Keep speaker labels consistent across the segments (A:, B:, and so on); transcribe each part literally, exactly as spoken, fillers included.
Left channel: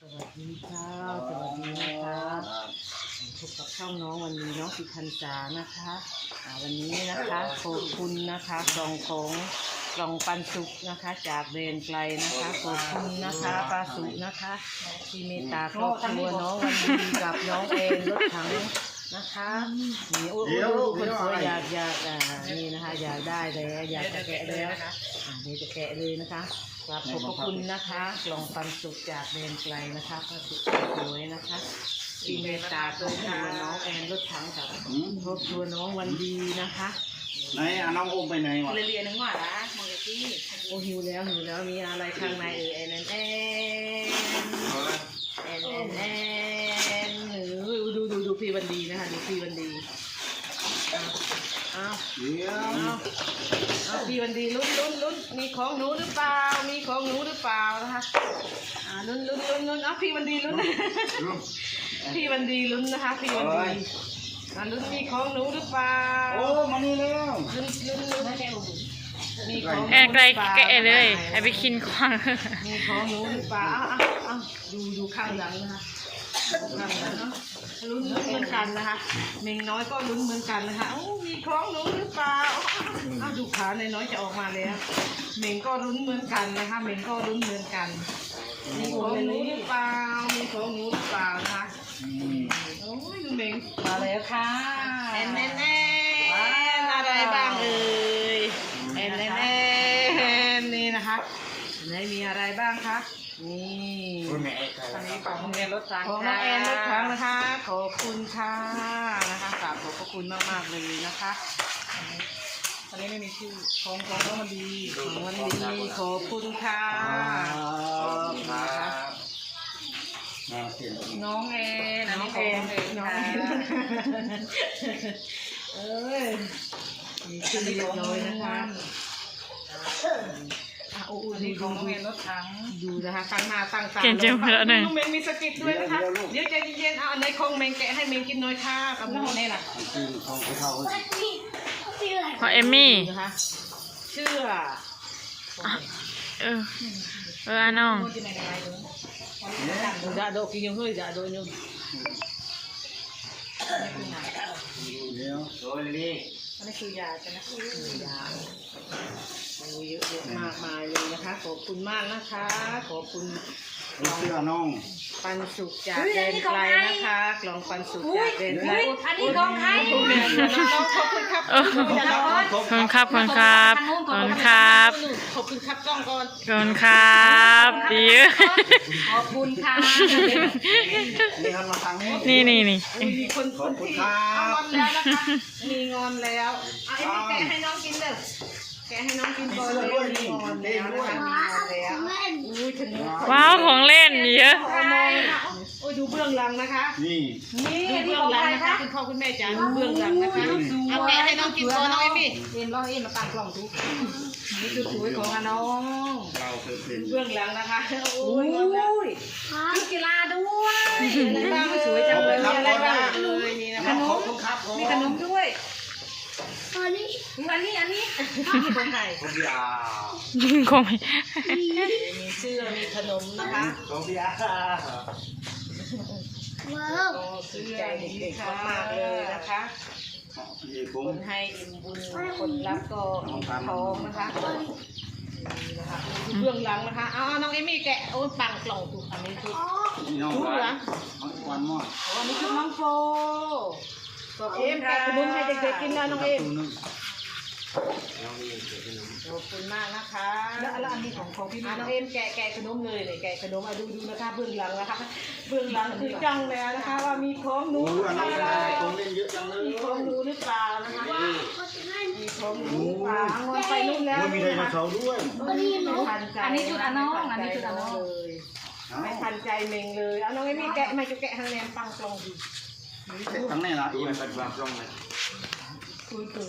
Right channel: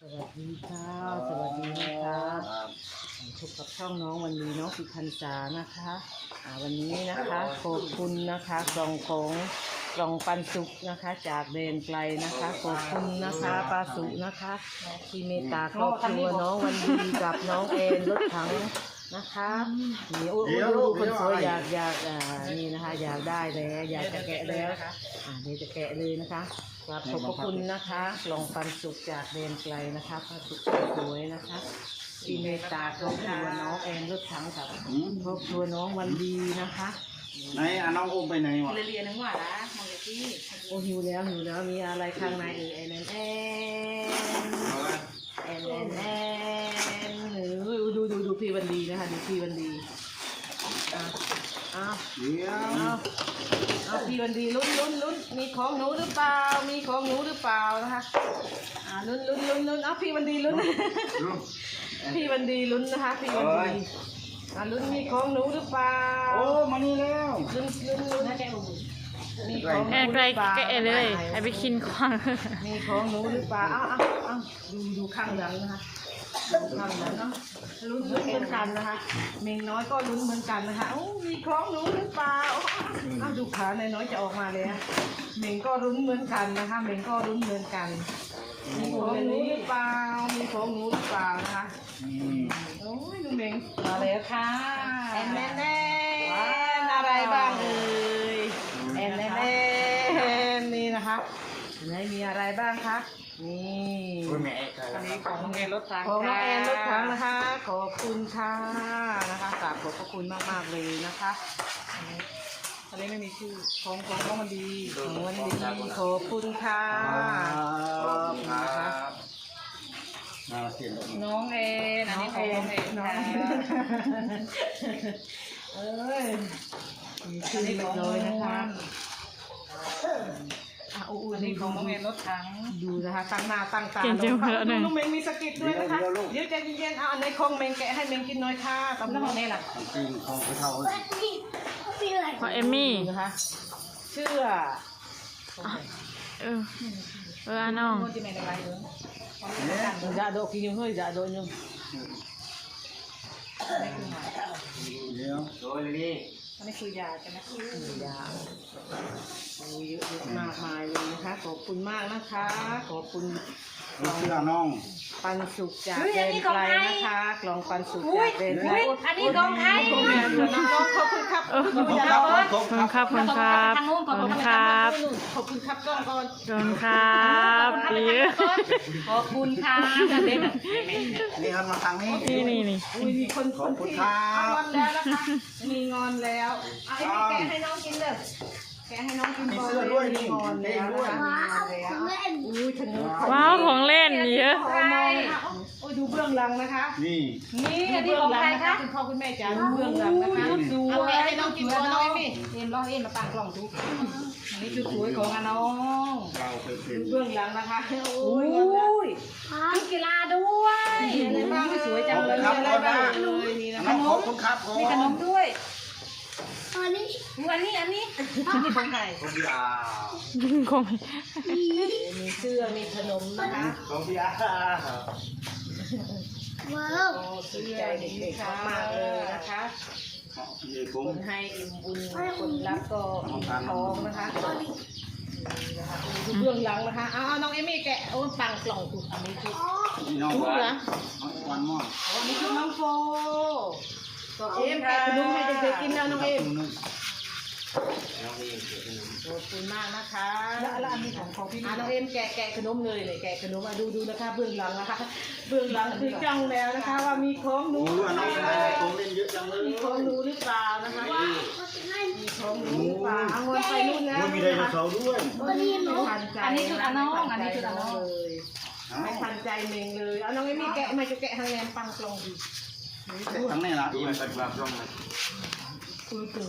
A: วัสดีค่ะสวัสดีนะคะพบกับช่องน้องวันนี้น้องสิพันษานะคะวันนี้นะคะขอบคุณนะคะกล่องของกล่องปันสุกนะคะจากเบนไกลนะคะขอบคุณนะคะป้าสุกนะคะที่เมตตาครอบครัวน้องวันดีกับน้องเอ็นรถถังนะคะเดี๋ยวคนสวยอยากอยากนี่นะคะอยากได้แล้วอยากจะแกะแล้วเดี๋ยวจะแกะเลยนะคะขอบขอบคุณนะคะกล่องปันสุกจากเบนไกลนะคะป้าสุกสวยนะคะที่เมตตาครอบครัวน้องเอ็นรถถังกับครอบครัวน้องวันดีนะคะ
B: ไหนอ่ะน้องอุ้มไปไหนวะ
C: เรียนนึงว่าละมองที่
A: โอ้หิวแล้วหิวแล้วมีอะไรข้างในเออเอ็นเอ็นเอ็นเอ็นเอ็นหรือดูดูดูพี่วันดีนะคะดูพี่วันดีเอา
B: เดี๋ยว
A: เอาพี่วันดีลุ้นลุ้นลุ้นมีของหนูหรือเปล่ามีของหนูหรือเปล่านะคะอ่าลุ้นลุ้นลุ้นลุ้นเอาพี่วันดีลุ้นพี่วันดีลุ้นนะคะพี่วันดีอ่าลุ้นมีของหนูหรือเปล่า
B: โอ้มานี่แล้ว
A: ลุ้นลุ้นลุ้นนะแกมีของ
C: แกไกลแกเลยไอไปกินควาง
A: มีของหนูหรือเปล่าเอาเอาดูดูข้างหลังนะคะข้างหลังเนาะลุ้นลุ้นเหมือนกันนะคะเมงน้อยก็ลุ้นเหมือนกันนะคะโอ้มีของหนูหรือเปล่าเอาดูขาในน้อยจะออกมาแล้วเมงก็ลุ้นเหมือนกันนะคะเมงก็ลุ้นเหมือนกันมีของหนูหรือเปล่ามีของหนูหรือเปล่าคะโอ้ยดูเมง
C: มาแล้วค่ะ
A: แอนแน่แน่อะไรบ้างเอ่ยแอนแน่แน่นี่นะคะไหนมีอะไรบ้างคะนี่
C: อันนี้ของเรียนรถถัง
A: ของน้องแอนรถถังนะคะขอบคุณค่ะนะคะกราบขอบพระคุณมากมากเลยนะคะ
C: อันนี้ไม่มีชื่อ
A: ของของน้องมันดีของมันดีขอบคุณค่ะน้องแอนอันนี้ของน้องแอนค่ะเอ้ยมีชื่อเรียบร้อยนะคะ
C: อันนี้ของน้องเอ็นรถถัง
A: ดูนะคะตั้งหน้าตั้งตา
C: เก่งจังเลยหนึ่ง
A: เมงมีสกิดด้วยนะคะเดี๋ยวใจเย็นๆเอาในคงเมงแกะให้เมงกินน้อยค่ะกับน้องนี่แหละ
B: ของไปเท่า
C: ของเอมมี่
A: นะคะเชื่อ
C: เออเออน้อง
A: จะโดกินยังเฮ้ยจะโดนยัง
B: เดี๋ยวโดนดิ
C: อันนี้คือยาใช่ไหม
A: ยาโอ้เยอะมากมายเลยนะคะขอบคุณมากนะคะขอบคุณ
B: ลูกเสื้อน้อง
A: ปันสุกจากเดนไกลนะคะกล่องปันสุกจากเดนไกล
C: อันนี้ของไทย
A: ขอบคุณครับ
C: ขอบคุณครับขอบคุณครับขอบคุณครับขอบคุณครับ
A: ขอบคุณครับกล้องก่อน
C: ขอบคุณครับดี
A: ขอบคุณค่ะ
B: นี่ครับมาทางนี้
C: นี่นี่นี่
B: ขอบคุณครับ
A: มีงอนแล้วเอาไอ้แกะให้น้องกินเด้อแกะให้น้องกิน
B: มีเสื้อด้วยนี่เล่นด้วย
C: ว้าวของเล่นเยอะ
A: โอ้ยดูเบื้องหลังนะคะ
B: นี่
C: นี่ที่ของใครคะ
A: คุณพ่อคุณแม่จ๋าดูเบื้องหลังนะคะดูแกะให้น้องกินตัวน้อยมี่
C: เอ็นร้องเอ็นมาตั้งกล่องทุก
A: นี่คือสวยของน้อง
B: เราเคยเป็น
A: เบื้องหลังนะคะโอ้
C: ยมีกีฬาด้วย
A: บ้างสวยจังเลยมีอะไรบ้าง
B: มีขนมครับ
C: มีขนมด้วย
D: อันนี้
C: อันนี้อันนี้
A: มีของไทย
B: ของพี่อา
C: ของ
A: มีเสื้อมีขนมนะคะ
B: ของพี่อา
D: ว้าว
A: เสื้อเด็กๆค่ะเลยนะคะคนให้อิ่มบุญคนรับก็ท้องนะคะเบื้องหลังนะคะเอาน้องเอมี่แกะโอ้ปังกล่องถูกอันนี้คือ
B: นี่น้องวันน้องวันมอด
A: อันนี้คือน้องโฟก็เอ็มแกะขนมให้เด็กๆกินนะน้องเอ็มขอบคุณมากนะคะ
C: แล้วแล้วอันนี้ของของพี่
A: น้องเอ็มแกะแกะขนมเลยเลยแกะขนมมาดูดูนะคะเบื้องหลังนะคะเบื้องหลังคือจังแล้วนะคะว่ามีของหนู
B: โอ้ยน้องอะไรของเล่นเยอะจังเลย
A: มีของหนูหรือเปล่านะคะมีของหนูหรือเปล่าเอาเงินไปลูกแล้ว
B: มีไดโนเสาร์ด้วย
C: อันนี้ชุดอันน้องอันนี้ชุดอันน้อง
A: ไม่ทันใจเมงเลยเอาน้องเอ็มแกะไม่แกะทางแนมปังกลองดู
B: ทั้งนี้นะอีมันเป็นแบบร่องไหม
A: คือตัว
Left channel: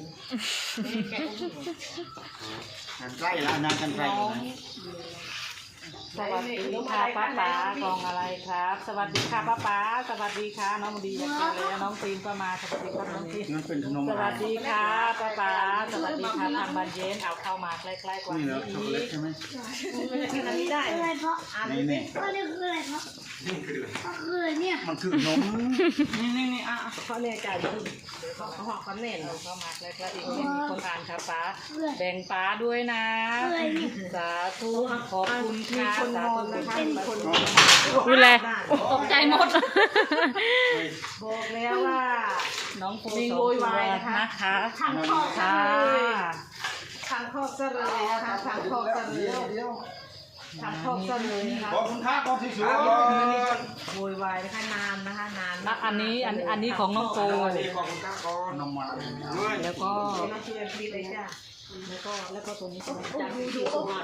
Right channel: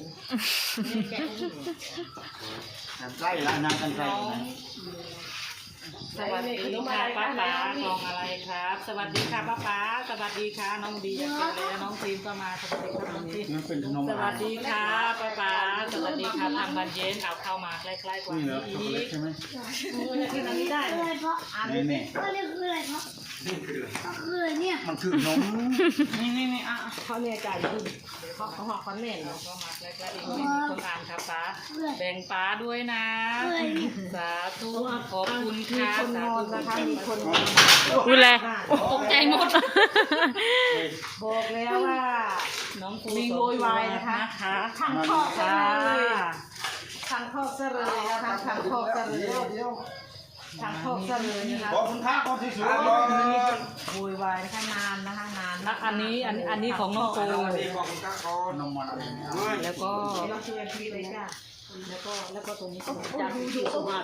B: กันไกลละนางกันไกลนะ
A: สวัสดีค่ะป้าป๋ากล่องอะไรครับ สวัสดีค่ะป้าป๋าสวัสดีค่ะน้องดีอยากเจอแล้วน้องทีมก็มาสวัสดีครับน้องทีม
B: นั่นเป็นขนม
A: ส
B: อะไร
A: วัสดีค่ะป้าป๋าสวัสดีค่ะทางบันเย็นเอาเข้ามาใกล้ๆกว่า
B: นี่
A: นี้
B: เหรอช็อกโกแลตใช่ไหม
A: กินอันนี้ได้
D: คืออะไรเพราะ
B: นี่นี่
D: ก็นี่คืออะไรเพราะก็คืออะไรเนี่ย
B: มันคือขนม
A: นี่นี่นี่อ่ะเขาเนี่ยจ่ายคุณเขาเขาหอกเขาเน่นเราเข้ามาใกล้ๆอีกนิดมีคนอ่านครับป้าแบ่งป้าด้วยนะสาธุขอบคุณค่ะสาธุนะคะมีคน
C: อุ้ยแล
A: ตกใจหมด บอกแล้วว่าน้องโฟลิงโวยวายนะคะทางคอกซะเลยทางคอกซะเลยนะคะทางคอกซะเลย
B: เดี๋ยวเดี๋ยว
A: ทางคอกซะเลยนะคะ
B: บอกคุณท่าก่อนที่สุด
A: โวยวายนะคะนานนะคะนานนะอันนี้อันอันนี้ของน้องโฟ
B: บอกคุณท่าก่อนน้ำมันอะไรเนี่ย
A: แล้วก็แล้วก็เลยจ้าแล้วก็แล้วก็ตัวนี้ของจ้าที่สุวรรณ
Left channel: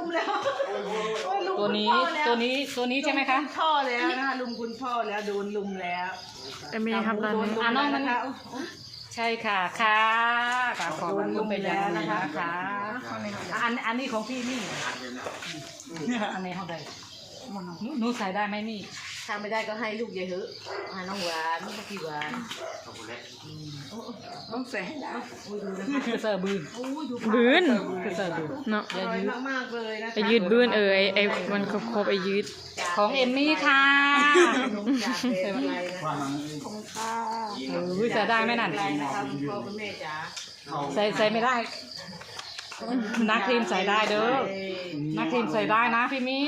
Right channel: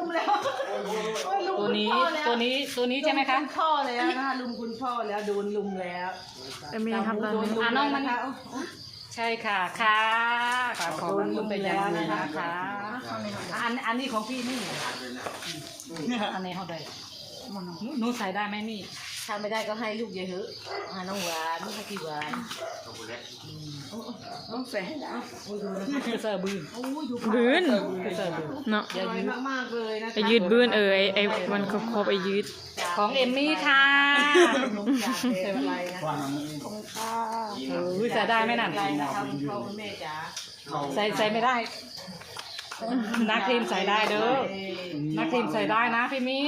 A: ตัวนี้ตัวนี้ตัวนี้ใช่ไหมคะพ่อแล้วนะคะลุงคุณพ่อแล้วโดนลุงแล้ว
C: จะมีครับตอนนี้
A: อ่ะน้องมันใช่ค่ะค่ะค่ะขอบคุณไปแล้วนะคะค่ะอันอันนี้ของพี่นี่อันไหนเขาได้หนูใส่ได้ไหมนี่ถ้าไม่ได้ก็ให้ลูกเยอะเหอะให้น้องหวานไม่ใช่กี่หวานต้องใส่ให้ได้โอ้ยดูนะเสิร์ฟบืน
C: บืน
A: เสิร์ฟบืน
C: เนาะ
A: อย่ายืดมากๆเลยนะ
C: ไอยืดบืนเออไอไอมันครบครบไอยืด
A: ของเอมมี่ค่ะเสิร์ฟไรนะ
B: ว่าน้ำเอง
D: ของข้า
A: เออใส่ได้ไหมนั่นนะครับพ่อคุณแม่จ๋าใส่ใส่ไม่ได้นักทีมใส่ได้เด้อนักทีมใส่ได้นะพี่มี่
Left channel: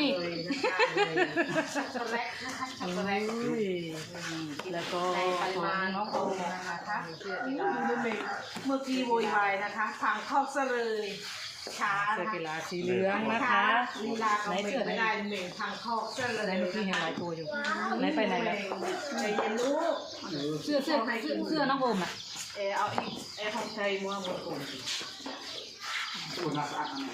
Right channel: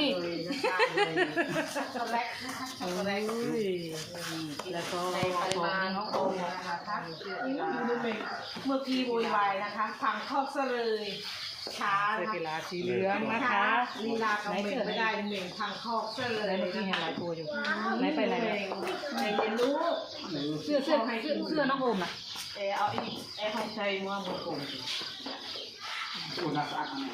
A: แล้วก็ปริมาณน้องโอนะคะเมื่อกี้โวยวายนะคะพังคอกซะเลยช้ากีฬาสีเหลืองนะคะลีลาเขาไม่ได้หนึ่งพังคอกซะเลยเมื่อกี้เห็นหลายตัวอยู่ไหนไปไหนไหนเรียนรู้เสื้อเสื้อใครเสื้อเสื้อน้องโอมอ่ะเออเอาอีกไอ้ของไทยมัวหมดกลุ่ม
B: ตัวนักสะอาดนะ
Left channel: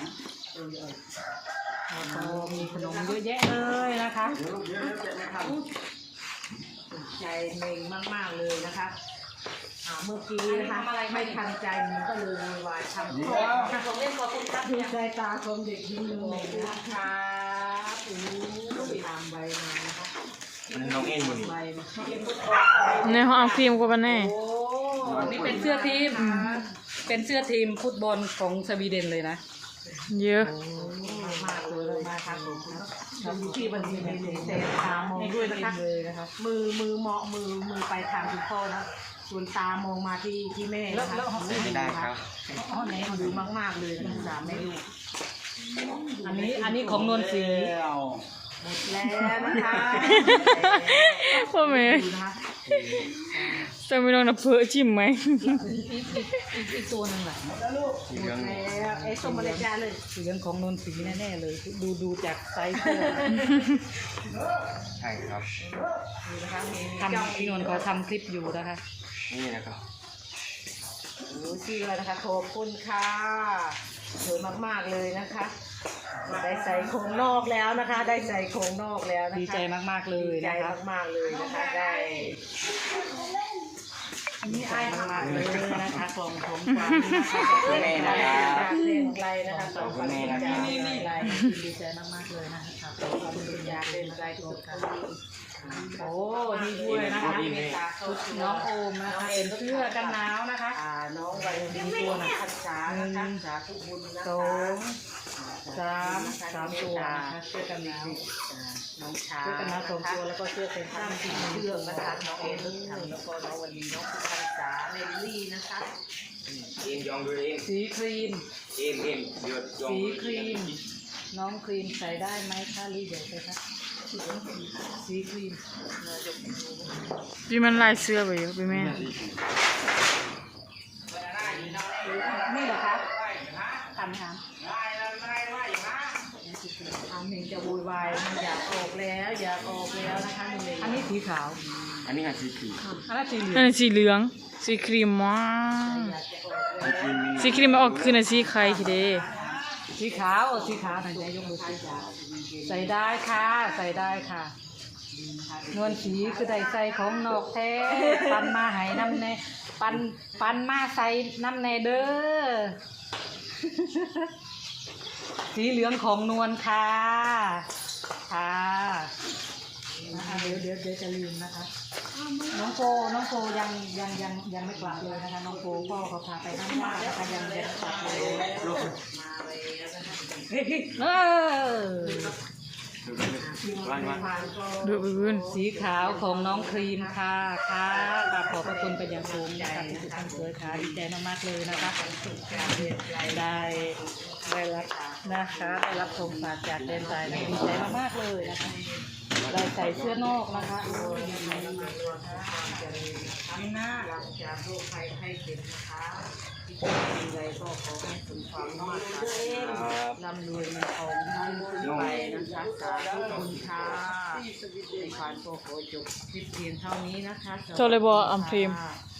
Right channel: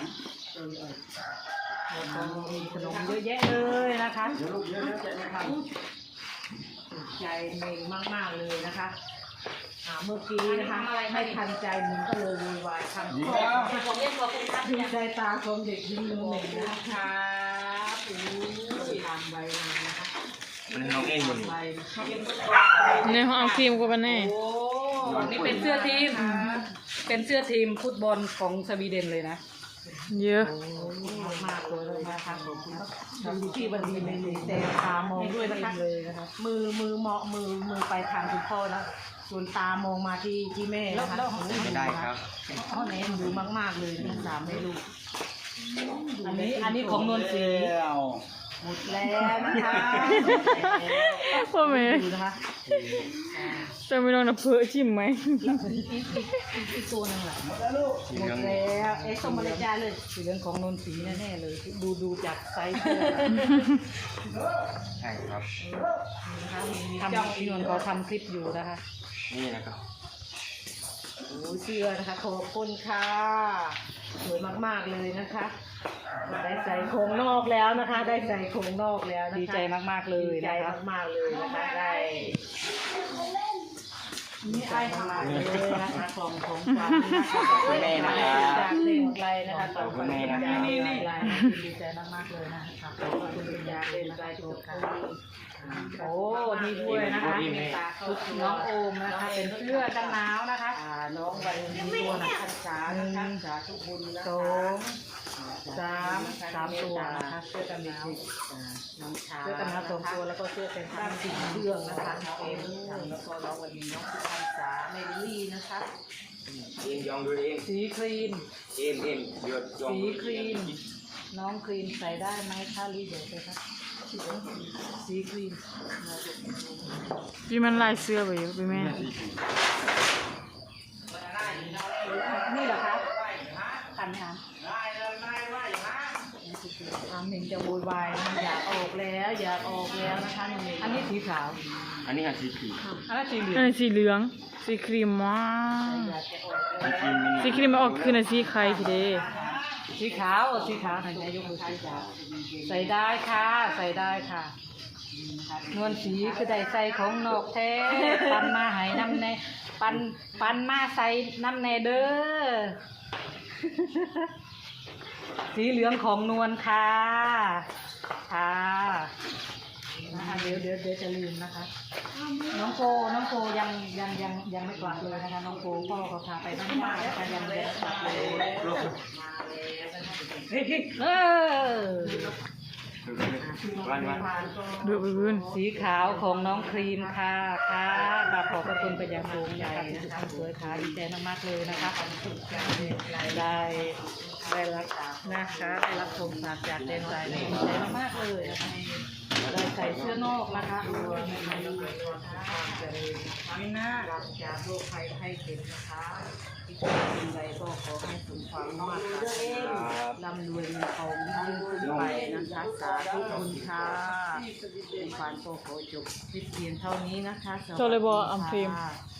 A: มีขนมเยอะแยะเลยนะคะ
B: เดี๋ยวลูกเดี๋ยวเดี๋ยวจะไม่ทัน
A: ใจเมงมากๆเลยนะคะอ่าเมื่อกี้นะคะไม่ทันใจมันก็เลยวุ่นวายทำข้อดูใจตาคนเด็กยิ้มเลยนะคะอู้ยตามใบเลยนะคะ
B: อันนี้น้องเองอยู่
A: ใบนะคะ
C: เนี่ยเขาเอาครีมกูไปแน่
A: โอ้นี่เป็นเสื้อทีมเป็นเสื้อทีมฟุตบอลของสวีเดนเลยนะ
C: เยอะ
A: มากเลยมาทางผมดูที่บันทีมีเตะตามองด้วยนะคะมือมือมองมือมือไปทางคุณพ่อนะส่วนตามองมาที่ที่แม่นะคะไม่ได้ครับอ๋อไหนดูมากๆเลยทั้งสามแม่ลูกอันนี้อันนี้ของนนทรีหมดแล้วนะคะ
C: พ่อแม่
A: ดูนะคะ
C: จะไม่ลองนับเพื่อจิ้มไหม
A: อีกตัวนึงเหรอ
B: สีเหลือง
A: แล้วไอ้ส้มอะไรจ้าเลยสีเหลืองของนนทรีแน่ๆเลยดูดูจากไซส์เสื้อ
B: ใช่ครับ
A: ทำพี่นนท์ก็ทำคลิปอยู่นะคะ
B: นี่นะครับ
A: โอ้เสื้อนะคะขอบคุณค่ะสวยมากๆเลยนะคะได้ใส่โครงนอกแล้วนะคะ ได้ใส่โครงนอกแล้วดีใจมากๆเลยดีใจมากๆเลยนะคะได้นี่ไอ้มากเลยนะคะของผมคุณแม่นะครับไกลนะคะขอบคุณแม่นะครับดีใจมากๆเลยนะคะขอบคุณยาเล่นไกลตัวกันโอ้นี่ด้วยนะคะน้องโอมนะคะเป็นเสื้อกันหนาวนะคะน้องวันดีตัวนะพันษานะคะสาธุบุญนะสองสามสามตัวนะคะเสื้อกันหนาวน้องชาเสื้อกันหนาวสองตัวแล้วก็เสื้อเป็นผ้าสีเชือกนะคะน้องเอ็นแล้วก็น้องวันดีน้องพันษาเมลลี่นะคะ
E: เอ็มยองดูเอ็ม
A: สีครีม
E: เอ็มเอ็มเดือดยอง
A: สี
E: ดู
A: ครีมน้องครีมใส่ได้ไหมคะรีเดี๋ยวไปคะสีครีม
C: พี่มันลายเสื้อไปเยอะไปแม่
A: นี่เหรอคะทันไหมคะทำเห็นจะโวยวายอยากออกแล้วอยากออกแล้วนะคะอันนี้สีขาว
B: อันนี้ค่ะสีครีม
A: อันนั้นสีเหลือง
C: นั่นสีเหลืองสีครีมมาก
B: สีครีมมินิ
C: สีครีมมาออกคือน่ะสีไข่ทีเดี
A: สีขาวสีขาวไหนใจยกมือสีขาวใส่ได้ค่ะใส่ได้ค่ะนวลสีคือได้ใส่ของนกแท้ปันมาให้น้ำแน่ปันปันมาใส่น้ำแน่เด้อสีเหลืองของนวลค่ะค่ะนะคะเดี๋ยวเดี๋ยวเดี๋ยวจะลืมนะคะ น้องโฟน้องโฟยังยังยังยังไม่กลับเลยนะคะน้องโฟพ่อเขาพาไปบ้านญาตินะคะยังไม่ได้กลับเลยเออ
B: วันวัน
C: ดูอื่น
A: สีขาวของน้องครีมค่ะค่ะกราบขอบพระคุณเป็นอย่างสูงใหญ่นะคะสวยค่ะดีใจมากๆเลยนะคะได้ได้ได้รับนะคะได้รับชมฝากจากเดนไซน์ดีใจมากๆเลยนะคะเราใส่เสื้อนอกนะคะโอ้ยไม่น่าจากโรคภัยไข้เจ็บนะคะที่เป็นใดก็ขอให้สุขภาพร่ำรวยเงินทองไปนะคะสาธุขอบคุณค่ะในความโชคโชคจบคลิปเพียงเท่านี้นะคะ
C: โจเลบออัมพรีม
A: ค่ะ